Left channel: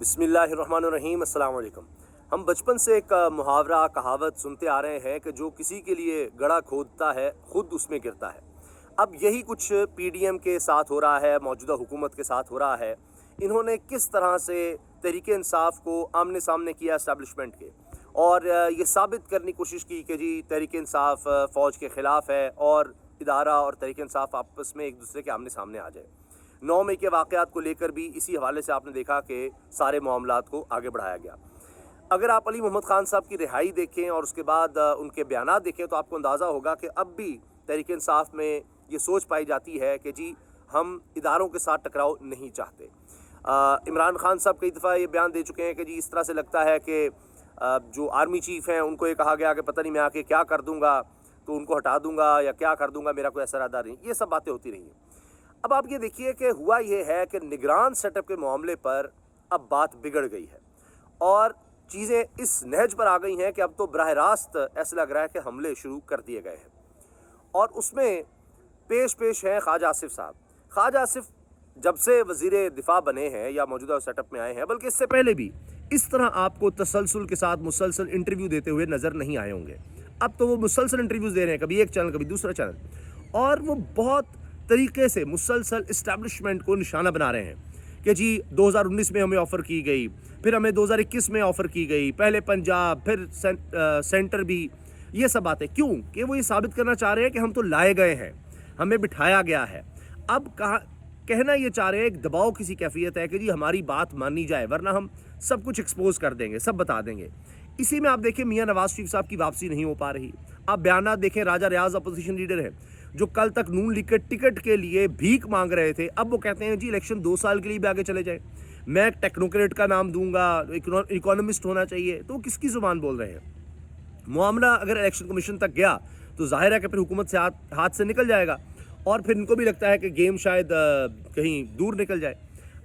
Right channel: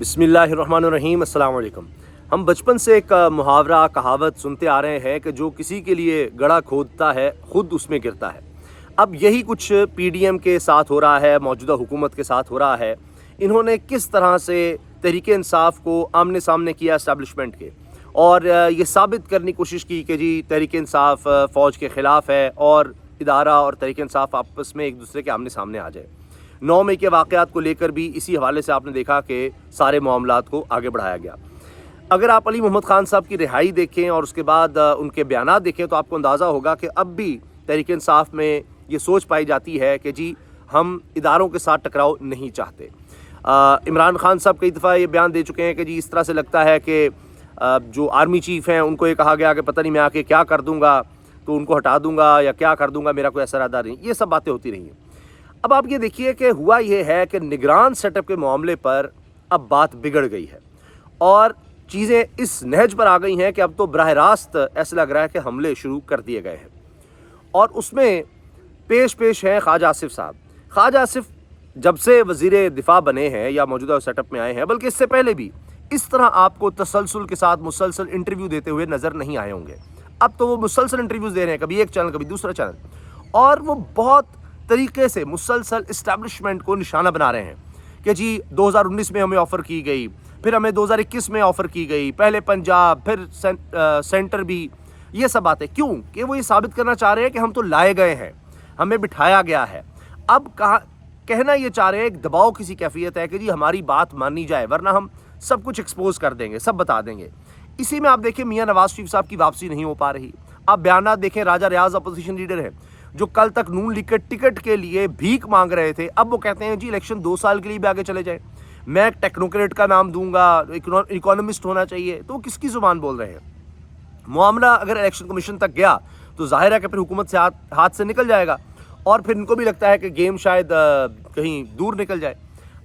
बिस्मिल्लाहिर्रहमानिर्रहीम। अस्सलाम वालेकुम। हम बचपन से एक मुहावरा कहावत सुनते आ रहे हैं कि जो किसी के लिए गड़ा खोदता है खुद उसमें गिरता है। अब यही कुछ पीडीएम के साथ हो रहा है, मौजूदा हुकूमत के साथ हो रहा है। इन्होंने किस तरह से तहरीक इंसाफ को आमने सामने किया इस्टेब्लिशमेंट के, और ये साबित करने की कोशिश की कि जी तहरीक इंसाफ फ़ौज के ख़िलाफ़ है और इदारा और तहरीक इंसाफ आपस में एक दूसरे के आमने सामने आ जाए। 9 मई के वाक़यात को लेकर भी इसी हवाले से आपने देखा कि सारे मामलात को आगे बढ़ाया गया। अगर आप अली मोहम्मद ख़ान साहब की रिहाई देखें और उसके बाद उनके बयानात देखें तो आपको अंदाज़ा होगा कि अब भी तहरीक इंसाफ में ये सोच पाई जाती है कि जी हम इदारों के साथ टकराव नहीं चाहते। इमरान खान साहब कई दफ़ा ये बयान दे चुके हैं कि जी इस तरह से लगता है कि जो आर्मी चीफ़ हैं उनको ये कहा गया कि पता नहीं मैं आके क्या कर दूँगा, तो उनको हटा दूँगा या क्या कर दूँगा, मेरा कोई ऐसा इरादा नहीं। ये सब बातें होती रही हैं। अब आप ये देखिए कि हुआ ये है कि निगरान सेटअप के मामले पर अब बात बिगड़ गई है और चीज़ें इस नहज पर आ गई हैं कि अब तो बराह रास्त ऐसा लग रहा है कि हमले शुरू कर दिए गए हैं। और उसमें पेश हैं ख्वाजा आसिफ साहब। ख्वाजा आसिफ जब से वज़ीर दिफा बने हैं या मौजूदा सेटअप में आए हैं, बल्कि इससे पहले भी इस तरह आपको तसलसल के साथ मुसलसल इंटरव्यू देते हुए नज़र नहीं आए होंगे। अब तो वो मुसलसल इंटरव्यूज़ दे रहे हैं, कभी एक चैनल कभी दूसरा चैनल, और वो बहुत तरीके से मुसलसल इस्टेब्लिशमेंट को निशाना बना रहे हैं कि जी 2019 में हमें ऑफ़र की गई, फिर हमें 2021 में ऑफ़र की गई, पहले पंजाब फिर सेंटर भी। ये सब बातें क्यों? कि वो ये साबित करना चाह रहे हैं कि हम तो लाए गए हैं, हमें बिठाया गया है। अब कहना ये चाह रहे हैं एक दबाव किसी कैफियत है कि जी हमारी बात मानी जाए, वरना हम सब कुछ एक्सपोज कर देंगे, सब बता देंगे। इसी में आप देखें मियाँ नवाज शरीफ साहब की वापसी नहीं हो पा रही। आप बयानात देखें, राजा रियाज अपोजिशन लीडर है जो कल तक नून लीग के टिकट के लिए भीख मांग रहे थे, अब वो कहते हैं जी इलेक्शन 2 साल के लिए भी आगे चले जाए, मैं टेक्नोक्रेट का नाम दूंगा, इकोनॉमिस्ट होना चाहिए। तो वो किसकी जुबान बोल रहे हैं? मामला अगर इलेक्शन कमीशन तक गया तो जाहिर है कि फिर हुकूमत से हाथ से निकल जाएगा और फिर इनको भी लगता है कि गेम शायद कहीं दूर निकल जाए।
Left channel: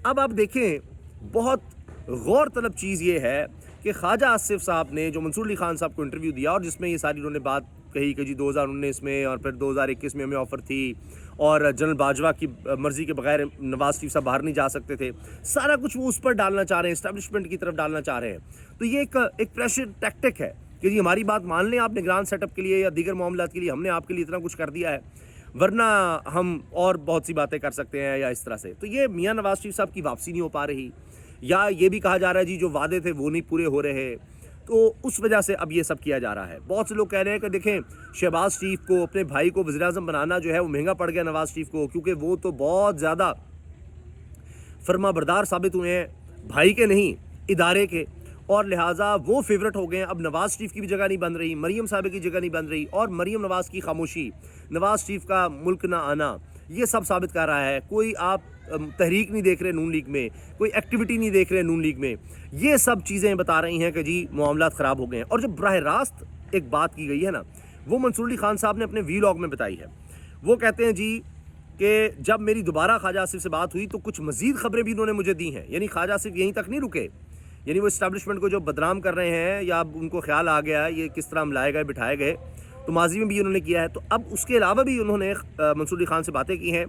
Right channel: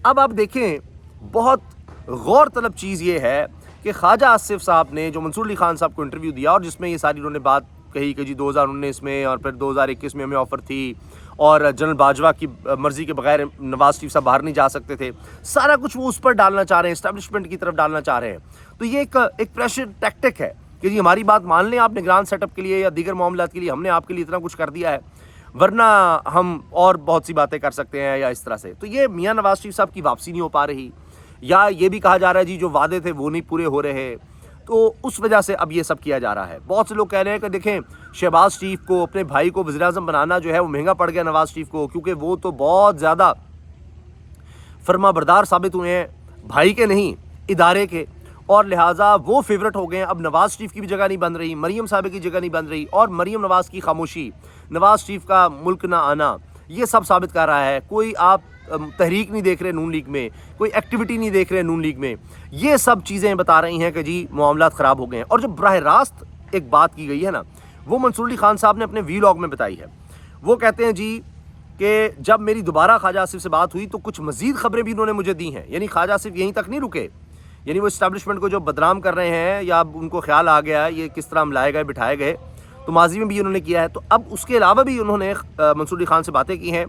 अब आप देखें, बहुत गौर तलब चीज़ ये है कि ख्वाजा आसिफ साहब ने जो मंसूर अली खान साहब को इंटरव्यू दिया और जिसमें ये सारी उन्होंने बात कही कि जी 2019 में और फिर 2021 में हमें ऑफ़र थी और जनरल बाजवा की मर्ज़ी के बगैर नवाज शरीफ साहब बाहर नहीं जा सकते थे, सारा कुछ वो उस पर डालना चाह रहे हैं, इस्टेब्लिशमेंट की तरफ डालना चाह रहे हैं। तो ये एक प्रेशर टैक्टिक है कि जी हमारी बात मान लें आप निगरान सेटअप के लिए या दीगर मामलात के लिए, हमने आपके लिए इतना कुछ कर दिया है, वरना हम और बहुत सी बातें कर सकते हैं या इस तरह से। तो ये मियाँ नवाज शरीफ साहब की वापसी नहीं हो पा रही, या ये भी कहा जा रहा है जी जो वादे थे वो नहीं पूरे हो रहे, तो उस वजह से अब ये सब किया जा रहा है। बहुत से लोग कह रहे हैं कि देखें शहबाज शरीफ को, अपने भाई को वज़ीर आज़म बनाना जो है वो महंगा पड़ गया नवाज शरीफ को, क्योंकि वो तो बहुत ज़्यादा फर्माबरदार साबित हुए हैं, भाई के नहीं इदारे के, और लिहाजा वो फेवरेट हो गए हैं। अब नवाज शरीफ की भी जगह नहीं बन रही, मरीम साहब की जगह नहीं बन रही, और मरीम नवाज की खामोशी, नवाज शरीफ का मुल्क ना आना, ये सब साबित कर रहा है। कोई आप तहरीक नहीं देख रहे नून लीग में, कोई एक्टिविटी नहीं देख रहे नून लीग में, ये सब चीज़ें बता रही हैं कि जी मामलात ख़राब हो गए हैं। और जब बराह रास्त एक बात की गई है ना, वो मंसूर अली खान साहब ने अपने वीलॉग में बताई है। वो कहते हैं जी कि जब मेरी दोबारा ख्वाजा आसिफ से बात हुई तो कुछ मज़ीद ख़बरें भी उन्होंने मुझे दी हैं। यानी ख्वाजा आसिफ यहीं तक नहीं रुके, यानी वो इस्टेब्लिशमेंट को जो बदनाम कर रहे हैं या उनको ख्याल आ गया ये किस तरह हम लाए गए बिठाए गए, तो माजी में भी उन्होंने किया है। तो अब उसके अलावा भी उन्होंने मंसूर अली खान से बातें की हैं,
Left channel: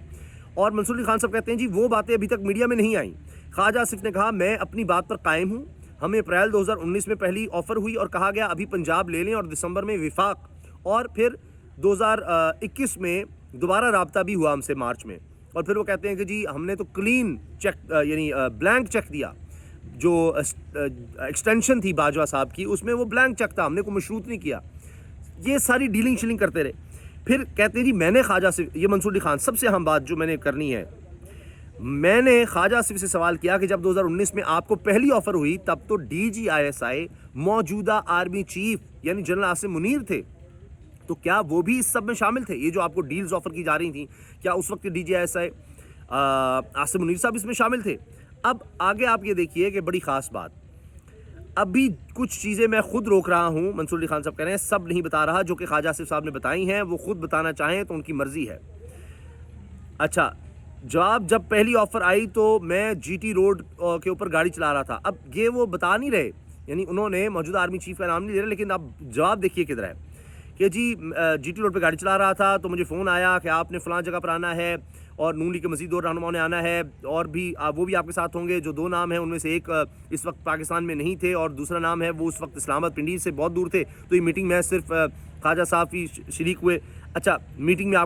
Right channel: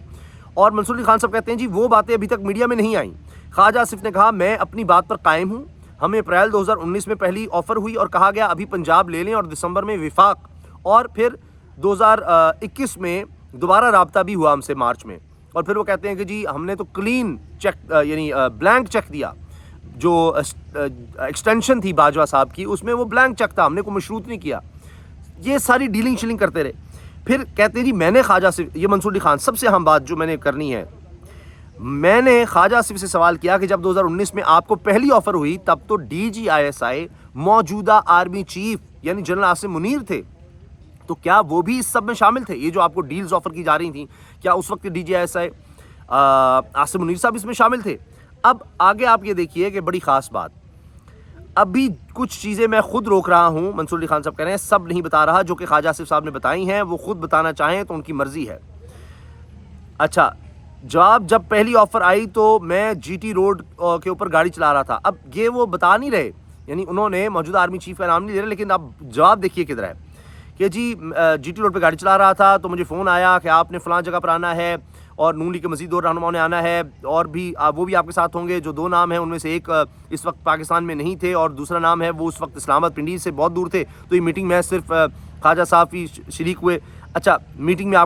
और मंसूर अली खान साहब कहते हैं जी वो बातें अभी तक मीडिया में नहीं आई। ख्वाजा आसिफ ने कहा मैं अपनी बात पर कायम हूँ, हमें अप्रैल 2019 में पहली ऑफ़र हुई और कहा गया अभी पंजाब ले लें, और दिसंबर में विफाक, और फिर 2021 में दोबारा राब्ता भी हुआ हमसे मार्च में। और फिर वो कहते हैं कि जी हमने तो क्लीन चेक यानी ब्लैंक चेक दिया, जो एक्सटेंशन थी बाजवा साहब की उसमें वो ब्लैंक चेक था, हमने कोई मशरूत नहीं किया। ये सारी डीलिंग शीलिंग करते रहे। फिर कहते हैं जी मैंने ख्वाजा आसिफ, ये मंसूर अली खान, सबसे अहम बात जो मैंने करनी है, मैंने ख्वाजा आसिफ से सवाल किया कि जब 2019 में आपको पहली ऑफ़र हुई तब तो DGISI मौजूदा आर्मी चीफ यानी जनरल आसिम मुनीर थे, तो क्या वो भी इस सब में शामिल थे? ये जो आपको डील्स ऑफ़र की जा रही थी, क्या उस वक्त DGISI आसिम मुनीर साहब इसमें शामिल थे? अब आगे आप ये देखिए कि बड़ी ख़ास बात, अभी कुछ चीज़ें मैं खुद रोक रहा हूँ, मंसूर अली खान साहब कह रहे हैं सब नहीं बता रहा, जो कि ख्वाजा आसिफ साहब ने बताई हैं वो खुद बताना चाहें तो उनकी मर्ज़ी है। अच्छा, जब पहली ऑफ़र आई तो मैं GT रोड के ऊपर गाड़ी चला रहा था। अब ये वो बता नहीं रहे, यानी उन्होंने मौजूदा आर्मी चीफ का नाम नहीं ले रहे, लेकिन अब जवाब देखिए किधर है कि जी GT रोड पे गाड़ी चला रहा था तो मुझे फ़ोन आया कि आपने फ़लाँ जगह पर आना है, اور نون لیگ کے مزید دو رہنماؤں نے آنا ہے اور بھی وہ بھی آپ کے ساتھ ہوں گے. جو دو نام ہیں ان میں سے ایک اس وقت پاکستان میں نہیں تھے اور دوسرا نام ہے وہ اس وقت اسلام آباد پنڈی سے بہت دور تھے, تو یہ میٹنگ میں صرف خواجہ صاحب ہی شریک ہوئے. اچھا, میٹنگ میں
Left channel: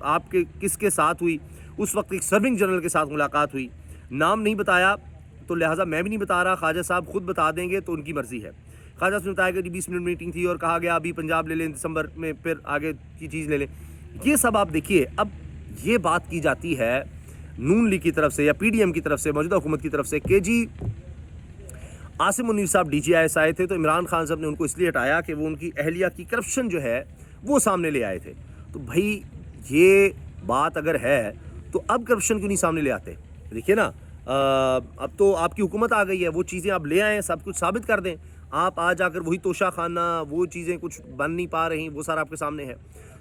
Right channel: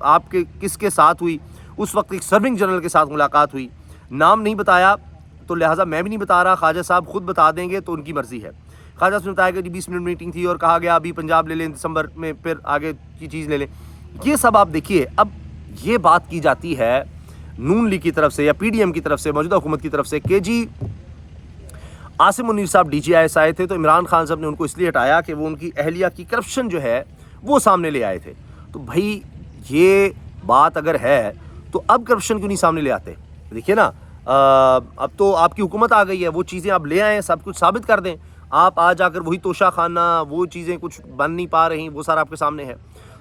آپ کے کس کے ساتھ ہوئی؟ اس وقت ایک سرونگ جنرل کے ساتھ ملاقات ہوئی, نام نہیں بتایا تو لہٰذا میں بھی نہیں بتا رہا, خواجہ صاحب خود بتا دیں گے تو ان کی مرضی ہے. خواجہ صاحب نے بتایا کہ 20 منٹ میٹنگ تھی اور کہا گیا ابھی پنجاب لے لیں, دسمبر میں پھر آگے کی چیز لے لیں. یہ سب آپ دیکھیے, اب یہ بات کی جاتی ہے نون لیگ کی طرف سے یا پی ڈی ایم کی طرف سے, موجودہ حکومت کی طرف سے, کہ جی عاصم منیر صاحب ڈی جی آئی ایس آئے تھے تو عمران خان صاحب نے ان کو اس لیے ہٹایا کہ وہ ان کی اہلیہ کی کرپشن جو ہے وہ سامنے لے آئے تھے. تو بھائی یہ بات اگر ہے تو اب کرپشن کیوں نہیں سامنے لے آتے؟ دیکھیے نا, اب تو آپ کی حکومت آ گئی ہے, وہ چیزیں آپ لے آئیں, سب کچھ ثابت کر دیں. آپ آ جا کر وہی توشہ خانہ, وہ چیزیں کچھ بن نہیں پا رہی, وہ سارا آپ کے سامنے ہے.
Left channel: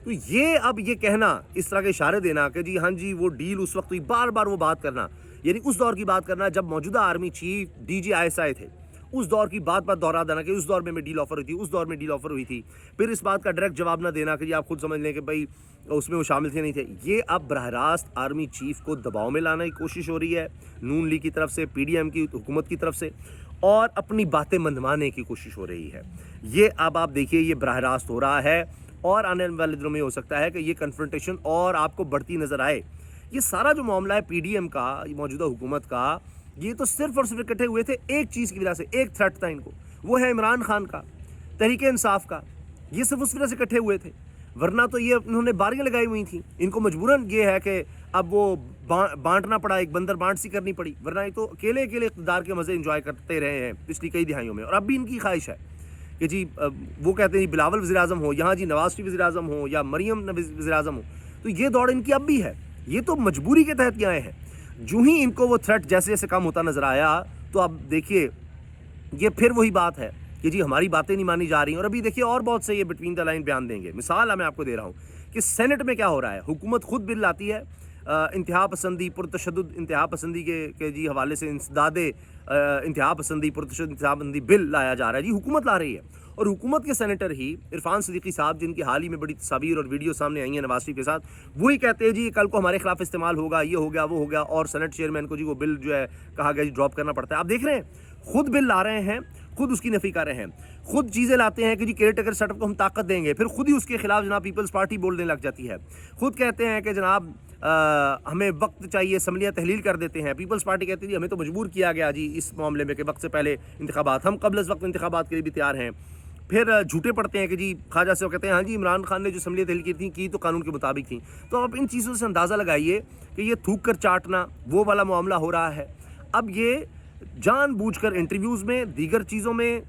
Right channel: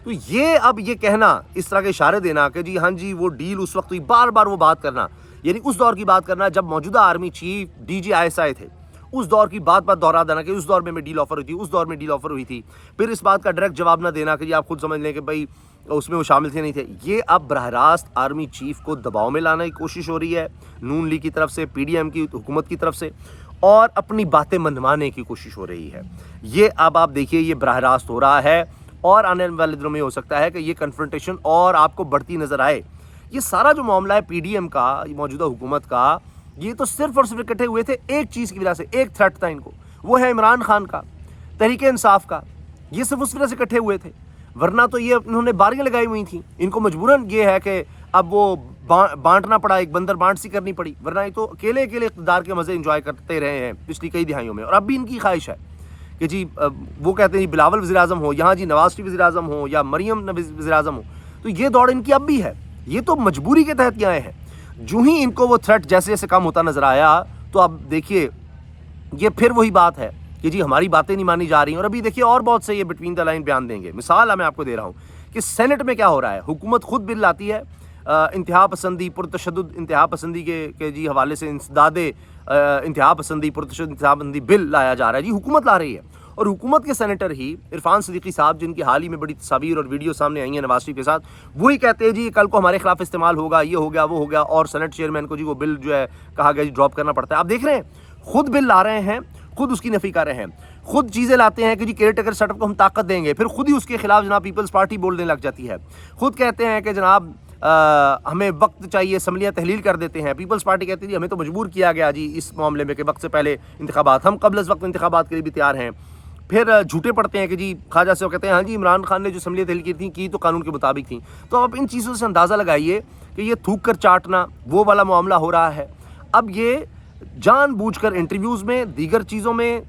تو یہ اب یہ کہنا, اس طرح کے اشارے دینا کہ جی ہاں جی وہ ڈیل اس وقت ہوئی, بار بار وہ بات کرنا, یعنی اس دور کی بات کرنا جب موجودہ army chief D G I S I تھے, اس دور کی بات دہرا دینا کہ اس دور میں ڈیل آفر ہوئی تھی, اس دور میں ڈیل آفر ہوئی تھی. پھر اس بات کا ڈائریکٹ جواب نہ دینا کہ جی آپ خود سمجھ لیں کہ بھائی اس میں وہ شامل تھے نہیں تھے. یہ اب براہ راست آرمی چیف کو دباؤ میں لانے کی کوشش ہو رہی ہے نون لیگ کی طرف سے, پی ڈی ایم کی حکومت کی طرف سے, اور اپنی باتیں منوانے کی کوشش ہو رہی ہے. یہ اب آپ دیکھیے یہ براہ راست ہو رہا ہے اور آنے والے دنوں میں ہو سکتا ہے کہ یہ کنفرنٹیشن اور آپ کو بڑھتی نظر آئے. یہ سارا جو معاملہ ہے پی ڈی ایم کا, موجودہ حکومت کا, یہ تو صرف اور صرف اکٹھے ہوئے تھے ایک چیز کی وجہ سے, ایک تھریٹ تھا ان کو, وہ ہے عمران خان کا, تحریک انصاف کا. یہ صرف اس وجہ سے اکٹھے ہوئے تھے, ورنہ تو یہ انہوں نے باریاں لگائی ہوئی تھیں. ان کو مجبوراً یہ ہے کہ اب وہ بانٹنا پڑا, ایک بندر بانٹ سی کرنی پڑی, ورنہ یہ تو اکیلے اقتدار کے مزے انجوائے کرتے رہے ہیں پچھلی کئی دہائیوں میں. اور اب بھی ان کی خواہش ہے کہ جی وہ کہتے ہیں بلاول وزیر اعظم ہو, یہاں جی نواز شریف وزیر اعظم ہو یا مریم وزیر اعظم ہو, تو یہ دوڑ ان کی اب بھی ہے. یہ تو مجبوری کے تحت آئے ہیں. جو ہی ان کو وہ تھریٹ جیسے جیسے کم ہوتا نظر آیا, تو اب دیکھیے یہ پھر وہی بات ہے کہ جی ہماری باتیں نہیں مانی جا رہی ہیں. اور ابھی دیکھیے اور بہت سے یہ بٹوین دا لائن بیان دیں گے. مثال میں آپ کو دے رہا ہوں کہ سینٹ میں کیا ہو رہا ہے. حکومت خود بل لاتی ہے انتہا پسندی پرتشدد انتہا پسندی کے جی حوالے سے انسداد انتہا پسندی پرتشدد انتہا پسندی بل لایا جا رہا ہے. جی حکومت لا رہی ہے, اور حکومت کے سینیٹر ہی عرفان صدیقی صاحب, جن کی حال ہی میں بڑی تصاویر اور ویڈیو سامنے آئی ہیں نواز شریف کے ساتھ, وہی کہتے ہیں جی کل کو ہمارے خلاف استعمال ہوگا, یہ ہو گیا وہ ہو گیا, اور سینٹ چیئرمین کو جی وہ بل جو ہے کہا گیا جی ڈراپ کرنا پڑتا ہے. آپ دیکھ رہے ہیں خود بل لا رہے ہیں, خود اس کی نفی کر رہے ہیں, خود چیزیں لاتے ہیں کہ جی کیئر ٹیکر سیٹ اپ کو ہم طاقت دیں گے, پھر خود ہی اس کے خلاف جناب پیپلز پارٹی بولنے لگ جاتی ہے. خود کہتے ہیں کہ جناب ہمیں وقت چاہیے, اسمبلیاں تحلیل کر دیتے ہیں. پیپلز پارٹی کہتی ہے جی ہمیں تو مجبور کیا گیا جی اس معاملے میں کہ وقت سے پہلے انتخابات, ہم قبل از وقت انتخابات کے لیے بھی تیار ہیں. پھر جھوٹے پڑتے ہیں کہ جی خواجہ سے کہتے ہیں ہاں جی عمران خان نے جو اسمبلیاں تحلیل کی تھیں کی تو قانون کے مطابق تھیں. تو آپ ان چیزوں سے اندازہ لگائیے کہ یہ تھوک کر چاٹنا وہ والا معاملہ ہو رہا ہے. اب یہ جان بوجھ کر انٹرویوز میں, دیگر چیزوں میں,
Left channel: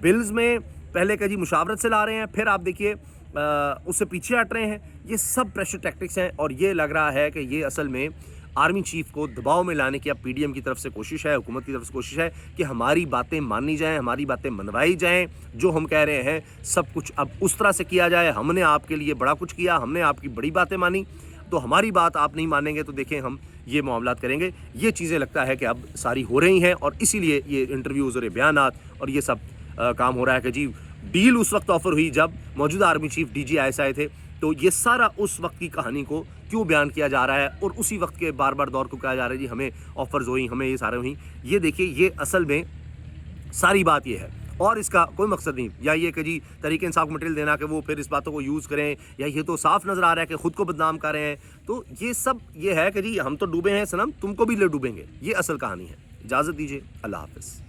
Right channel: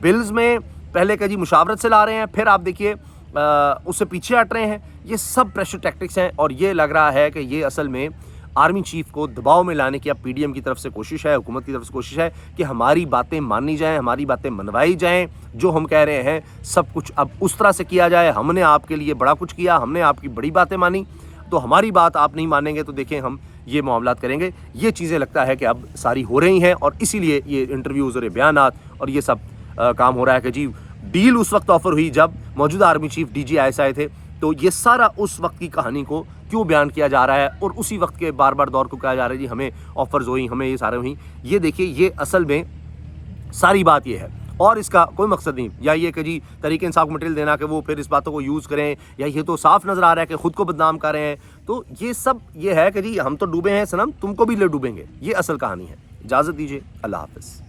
بلز میں پہلے کہ جی مشاورت سے لا رہے ہیں, پھر آپ دیکھیے اس سے پیچھے ہٹ رہے ہیں. یہ سب پریشر ٹیکٹکس ہیں, اور یہ لگ رہا ہے کہ یہ اصل میں آرمی چیف کو دباؤ میں لانے کی اب پی ڈی ایم کی طرف سے کوشش ہے, حکومت کی طرف سے کوشش ہے کہ ہماری باتیں مانی جائیں, ہماری باتیں منوائی جائیں, جو ہم کہہ رہے ہیں سب کچھ اب اس طرح سے کیا جائے. ہم نے آپ کے لیے بڑا کچھ کیا, ہم نے آپ کی بڑی باتیں مانی, تو ہماری بات آپ نہیں مانیں گے تو دیکھیں ہم یہ معاملات کریں گے. یہ چیزیں لگتا ہے کہ اب ساری ہو رہی ہیں, اور اسی لیے یہ انٹرویوز اور بیانات اور یہ سب کام ہو رہا ہے کہ جی ڈیل اس وقت آفر ہوئی جب موجودہ army chief D G I S آئے تھے, تو یہ سارا اس وقت کی کہانی کو کیوں بیان کیا جا رہا ہے, اور اسی وقت کے بار بار دور کو کہا جا رہا ہے جی ہمیں آفرز ہوئی, ہمیں یہ سارے ہوئی. یہ دیکھیے یہ اصل میں ساری بات یہ ہے, اور اس کا کوئی مقصد نہیں, یا یہ کہ جی تحریک انصاف کو مٹیریل دینا کہ وہ پھر اس باتوں کو یوز کریں, یا یہ تو صاف نظر آ رہا ہے کہ خود کو بدنام کر رہے ہیں. تو یہ سب یہ ہے کہ جی ہم تو ڈوبے ہیں صنم, تم کو بھی لے ڈوبیں گے. یہ اصل کہانی ہے. اجازت دیجیے, اللہ حافظ.